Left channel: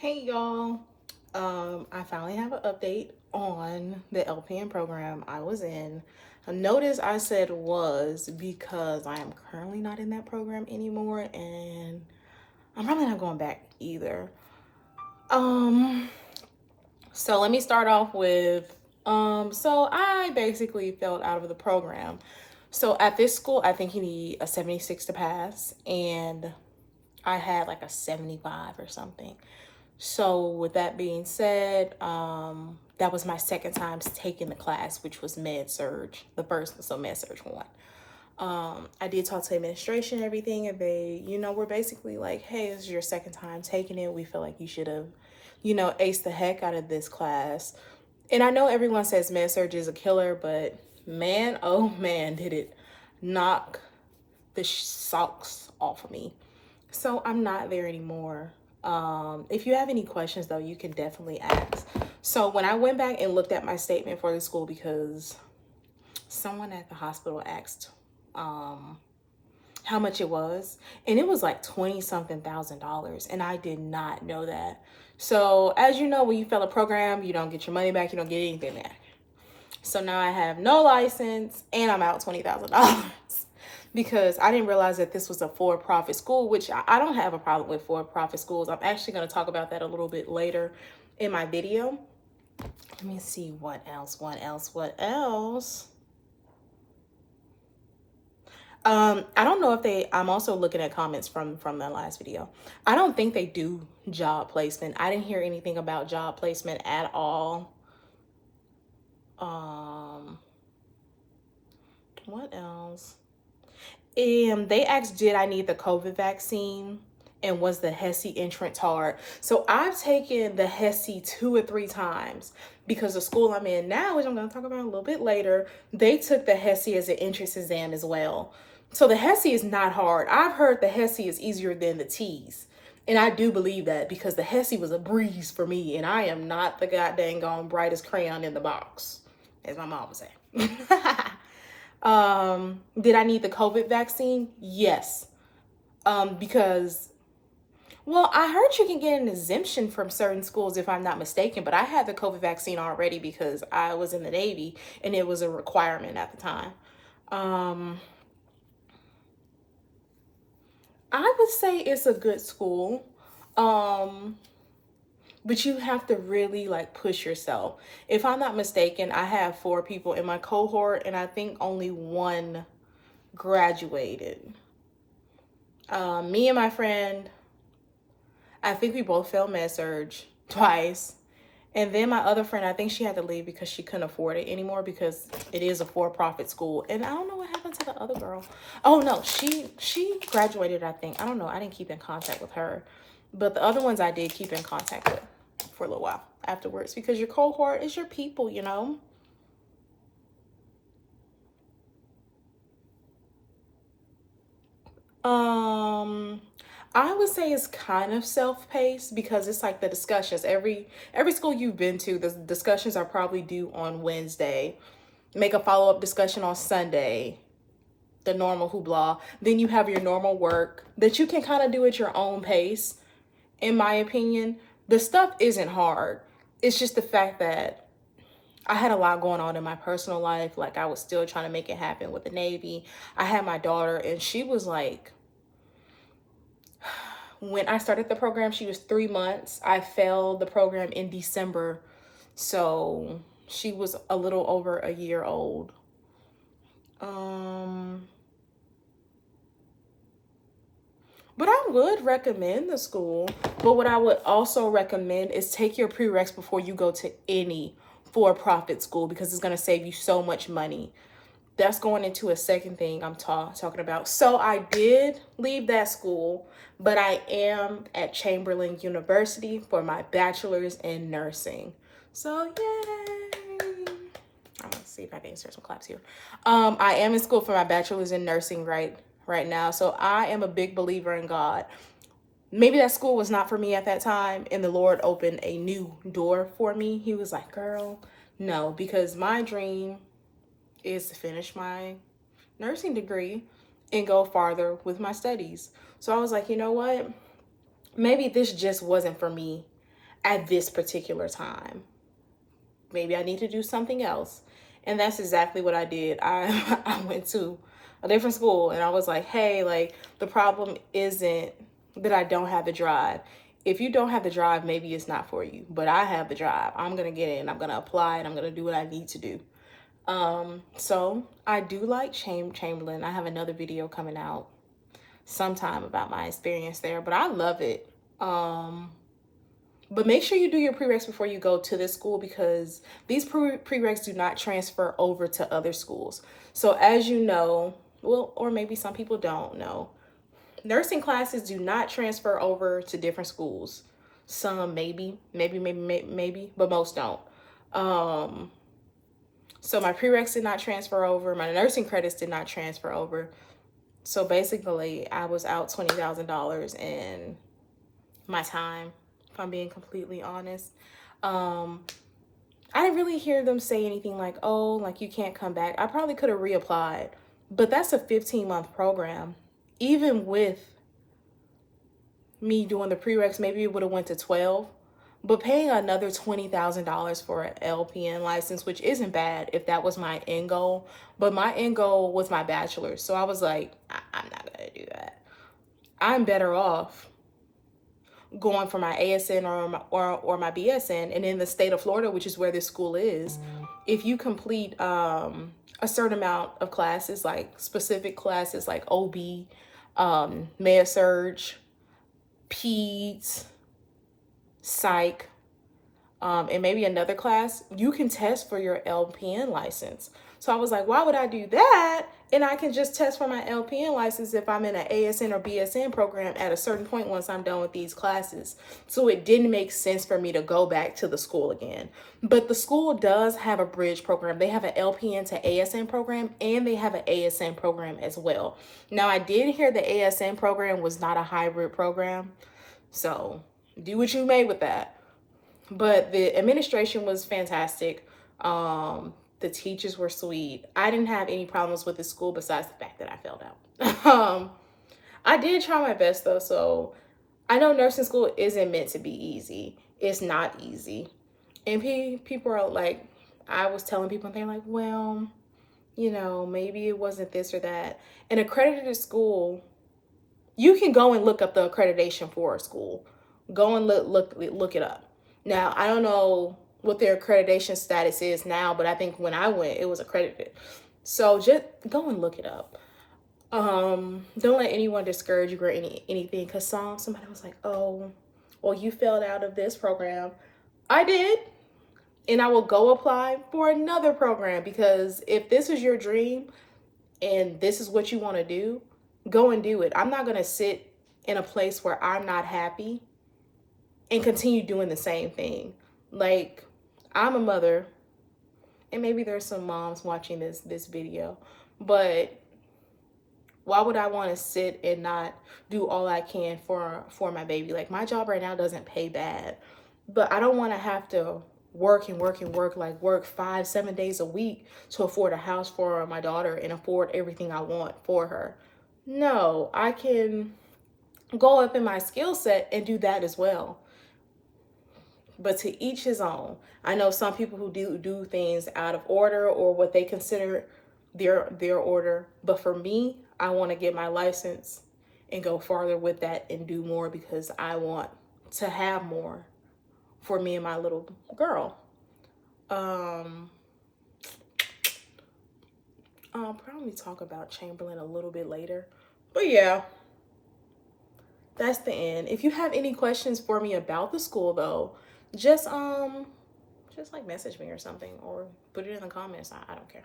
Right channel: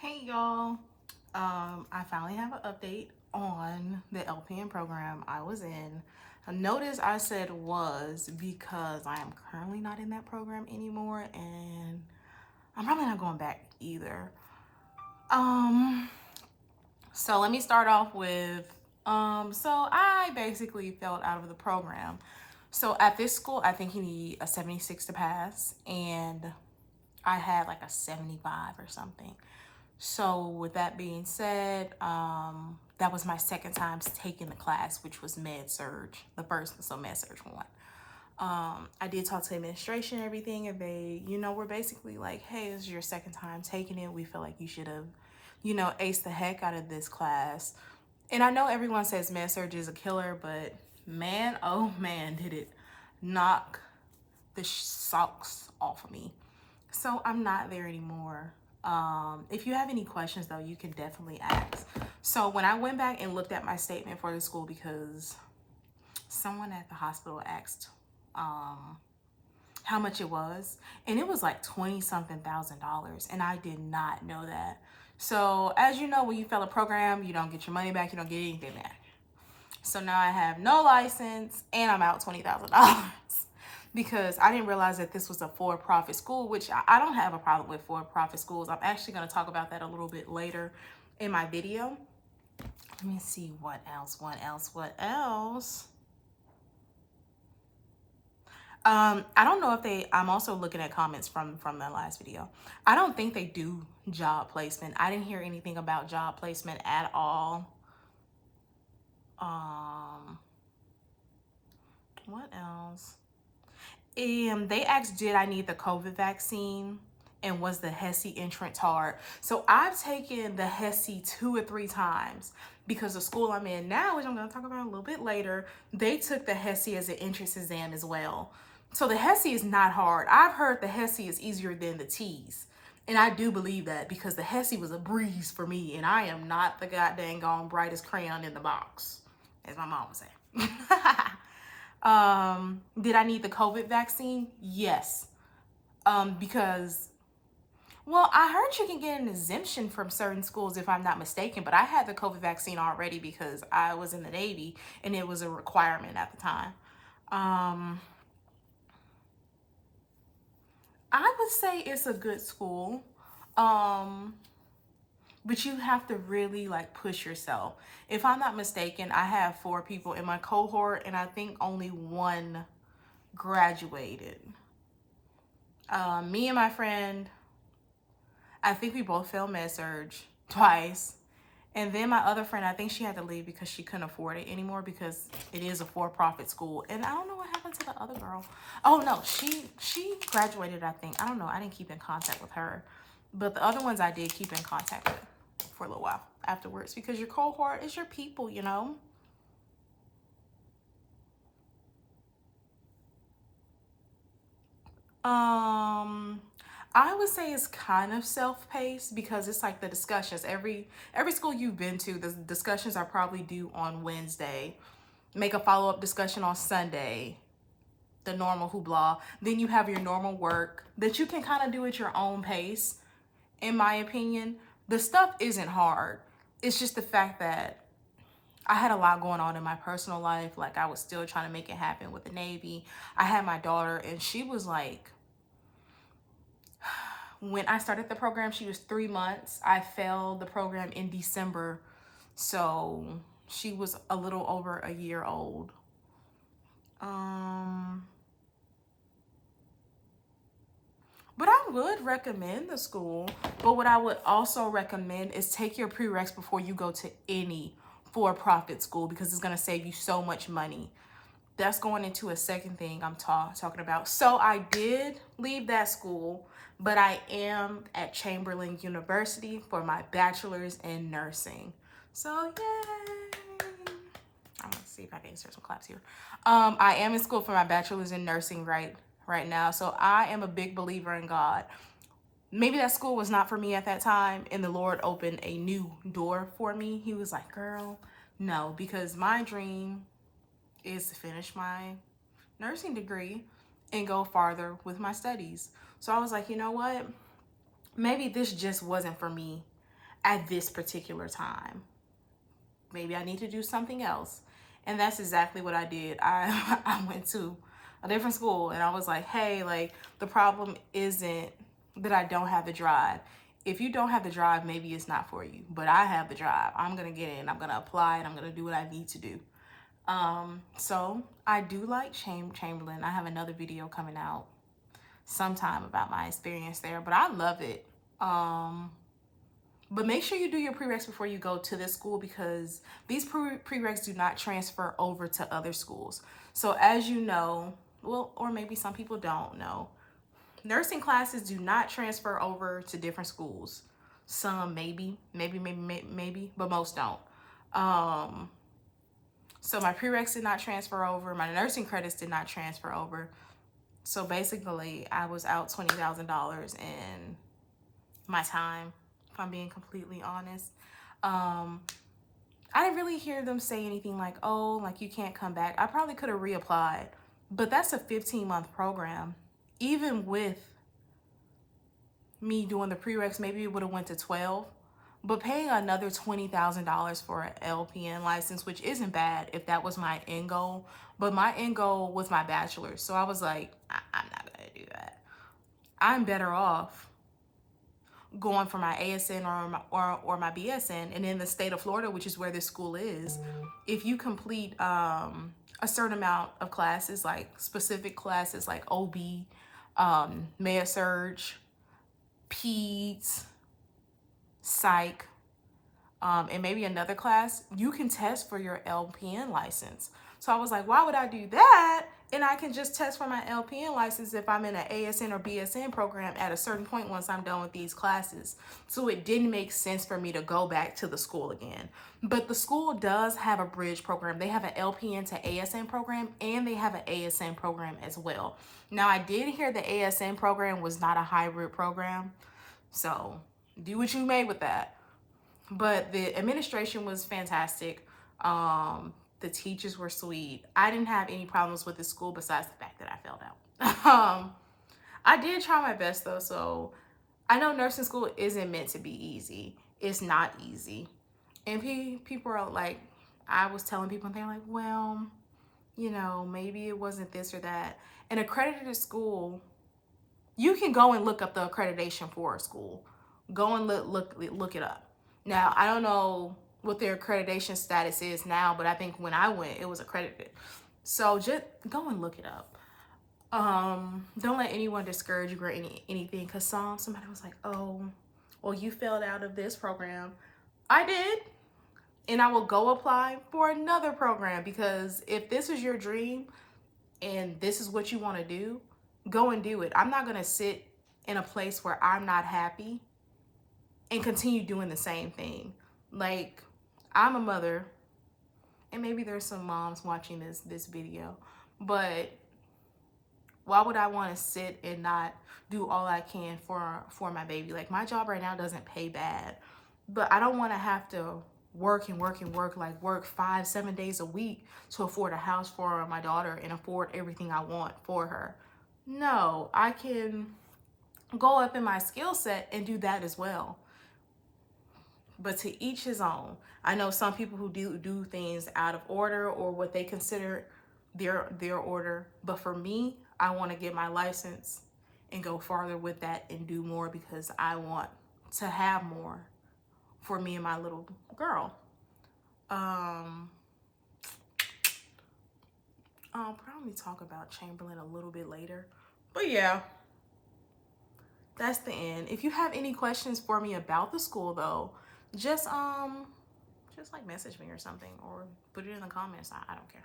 Hey y'all, I finally have an update on the LPN program I was in. Notice I said was because I am currently not in that program anymore and I'm probably not going back either. Um, so let me start off with, so I basically failed out of the program. So at this school, I think you need a 76 to pass and I had like a 75 or something. So with that being said, that was my second time taking the class, which was med surge. The first was med surge one. I did talk to administration and everything, and they, were basically like, "Hey, this is your second time taking it. We feel like you should have, aced the heck out of this class." And I know everyone says med surge is a killer, but man, oh man, did it knock the socks off of me. So I'm not there anymore. If you have any questions though, you can definitely ask. So when I went back and looked at my statement for the school, because someone at the hospital asked how much it was, and it was like 20 something $1,000, and I did not know that. So as you know, when you fail a program, you don't get your money back, you don't get anything back. So now I have no license and I'm out $20,000 because I didn't realize that this was a for-profit school, which I don't have a problem with for-profit schools. I'm actually going to talk about that a little bit later in my video. Let me see what else. I don't know if I'm also looking at comments from the last video. I don't think they do job placement. I didn't hear anything about job placement at all. What else? They asked, did I need the COVID vaccine? And was the HESI entrance hard? So I've taken the HESI 2 or 3 times because the school I'm in now, which I'm going to talk about a little bit later, they took the HESI as an entrance exam as well. So the HESI is not hard. I've heard the HESI is easier than the T's. And I do believe that because the HESI was a breeze for me and I am not the goddamn gone brightest crayon in the box, as my mom would say. Did I need the COVID vaccine? Yes. Because, well, I heard you can get an exemption from certain schools if I'm not mistaken, but I had the COVID vaccine already because I was in the Navy and it was a requirement at the time. I would say it's a good school. But you have to really like push yourself. If I'm not mistaken, I have 4 people in my cohort and I think only 1 graduated. Me and my friend, I think we both failed med surge twice. And then my other friend, I think she had to leave because she couldn't afford it anymore because it is a for-profit school. And I don't know what happened to the other girl. Oh no, she graduated, I think. I don't know. I didn't keep in contact with her. But the other ones I did keep in contact with for a little while afterwards because your cohort is your people, you know? I would say it's kind of self-paced because it's like the discussions. Every school you've been to, the discussions are probably due on Wednesday. Make a follow-up discussion on Sunday. The normal hoopla. Then you have your normal work that you can kind of do at your own pace. In my opinion, the stuff isn't hard. It's just the fact that I had a lot going on in my personal life. Like I was still trying to make it happen with the Navy. I had my daughter and she was like, when I started the program, she was 3 months. I failed the program in December. So she was a little over a year old. But I would recommend the school. But what I would also recommend is take your prereqs before you go to any for-profit school because it's going to save you so much money. That's going into a second thing I'm talking about. So I did leave that school, but I am at Chamberlain University for my bachelor's in nursing. So yay! I'm gonna see if I can insert some claps here. I am in school for my bachelor's in nursing right now. So I am a big believer in God. Maybe that school was not for me at that time, and the Lord opened a new door for me. He was like, girl, no, because my dream is to finish my nursing degree and go farther with my studies. So I was like, you know what? Maybe this just wasn't for me at this particular time. Maybe I need to do something else. And that's exactly what I did. I went to a different school and I was like, hey, like the problem isn't that I don't have the drive. If you don't have the drive, maybe it's not for you, but I have the drive. I'm going to get in, I'm going to apply, and I'm going to do what I need to do. So I do like Chamberlain. I have another video coming out sometime about my experience there, but I love it. But make sure you do your prereqs before you go to this school, because these prereqs do not transfer over to other schools. So as you know, well, or maybe some people don't know, nursing classes do not transfer over to different schools. Some maybe, but most don't. So my prereqs did not transfer over. My nursing credits did not transfer over. So basically, I was out $20,000 in my time, if I'm being completely honest. I didn't really hear them say anything like, oh, like you can't come back. I probably could have reapplied, but that's a 15-month program. Even with me doing the prereqs, maybe it would have went to 12, but paying another $20,000 for an LPN license, which isn't bad if that was my end goal, but my end goal was my bachelor's. So I was like, I'm not gonna do that. I'm better off going for my ASN or my BSN. And in the state of Florida, which is where this school is, if you complete a certain amount of classes, like specific classes like OB, Med-Surg, Peds, Psych, and maybe another class, you can test for your LPN license. So I was like, why would I do that? And I can just test for my LPN license if I'm in an ASN or BSN program at a certain point once I'm done with these classes. So it didn't make sense for me to go back to the school again. But the school does have a bridge program. They have an LPN to ASN program, and they have an ASN program as well. Now, I did hear the ASN program was not a hybrid program. So do what you may with that. But the administration was fantastic. The teachers were sweet. I didn't have any problems with the school besides the fact that I failed out. I did try my best though. So I know nursing school isn't meant to be easy. It's not easy. And people are like, I was telling people, and they're like, well, you know, maybe it wasn't this or that. An accredited school, you can go and look up the accreditation for a school. Go and look it up. Now, I don't know what their accreditation status is now, but I think when I went, it was accredited. So just go and look it up. Don't let anyone discourage you or anything, because somebody was like, oh, well, you failed out of this program. I did, and I will go apply for another program, because if this is your dream and this is what you want to do, go and do it. I'm not going to sit in a place where I'm not happy and continue doing the same thing. Like, I'm a mother, and maybe there's some moms watching this video, but why would I want to sit and not do all I can for my baby? Like, my job right now doesn't pay bad, but I don't want to have to work 5-7 days a week to afford a house for my daughter and afford everything I want for her. No, I can go up in my skill set and do that as well. But to each his own. I know some people who do things out of order or what they consider their order. But for me, I want to get my license and go farther with that and do more, because I want to have more for me and my little girl. I'll probably talk about Chamberlain a little bit later. But yeah, that's the end. If you have any questions for me about the school though, just like message me or something, or put it in the comments. I don't care.